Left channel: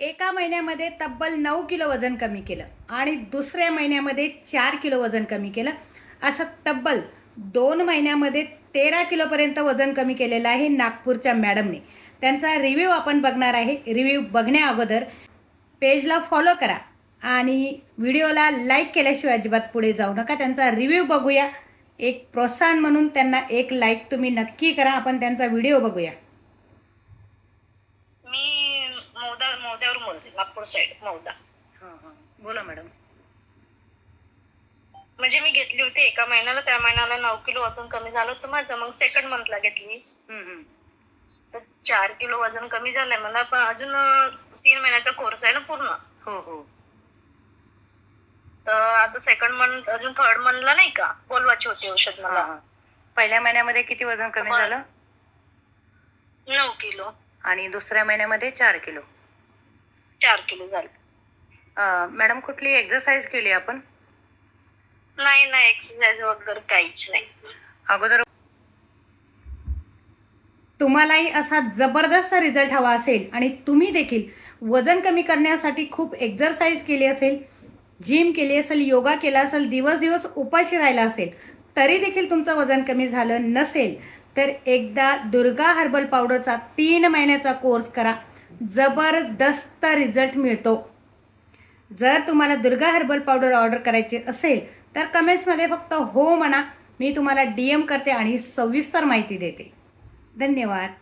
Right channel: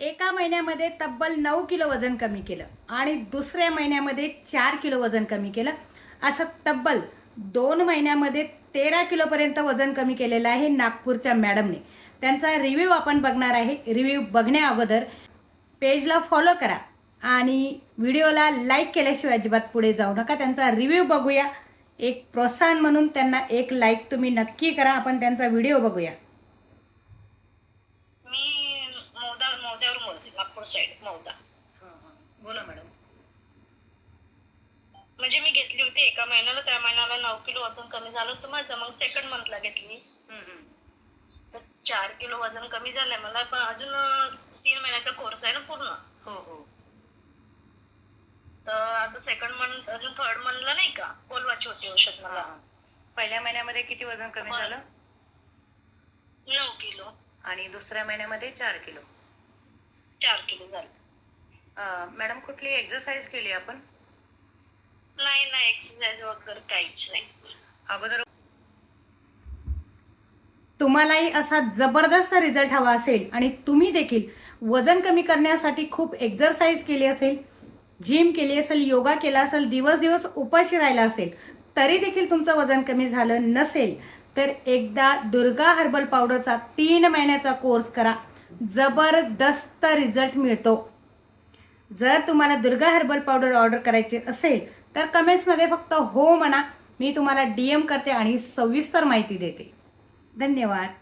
एका महिन्यामध्ये तब्बल 9 किलो वजन कमी केलं आणि दुसऱ्या महिन्यामध्ये 4 किलो वजन कमी केलं, असं तब्बल 2 महिन्यामध्ये 13 किलोपर्यंत वजन कमी केलेलं आहे नागपूरच्या मॅडमने। त्यांचा रिव्ह्यू आपण बघणार आहे। रिव्ह्यू बघण्या अगोदर पेजला फॉलो करा आणि व्हिडिओला लाईक केल्याशिवाय अजिबात पुढे जाऊ नका। त्यांचा रिव्ह्यू बघूया। एक प्रोत्साहन म्हणून त्यांना एक लाईक तुम्ही नक्की करा। आपण त्यांचा व्हिडिओ बघूया। मौद्यावरून बोलते, नागपूर साइड मौदा। बोला मॅडम। म्हणजे मी घेतली होती एका महिन्याला, त्या महिन्याला 9 किलो वजन कमी झालं होतं माझं। मग सेकंड मंथला घेतली तर 4 किलो वजन कमी झालंय मला। पण अजून 3 महिन्याचा कोर्स आहे ना पूर्ण। हो तर आता सेकंड मंथ अजून थर्ड मंथला नाही का बोलवायची होती औषध मला। पहिल्या महिन्यामध्ये किती वजन कमी झालं? 9 किलो आणि दुसऱ्या महिन्यामध्ये 4 किलो। 4 किलो झालं। मॅडम कुठली एक्सरसाइज केली आपण? नाही एक्सरसाइज वगैरे काहीच नाही अगोदर। तुम्हालाही असा जबरदस्त रिझल्ट हवा असेल आणि तुम्ही देखील वजन कमी करण्यासाठी खूप एक्सरसाइज केली असेल, जिम केली असेल, योगा केला असेल, दिवस उपाशी राहिला असेल, तरी देखील तुमचं वजन कमी झालं नसेल तर एकदा दुर्गा हर्बल पावडरचा 3 महिन्याचा कोर्स करा। जबरदस्त रिझल्ट मिळतो। जर तुम्हाला दुर्गा हर्बल पावडर ऑर्डर करायची असेल तर कमेंट्समध्ये फक्त हो म्हणा। मी तुम्हाला DM करते आणि सविस्तर माहिती देते। धन्यवाद।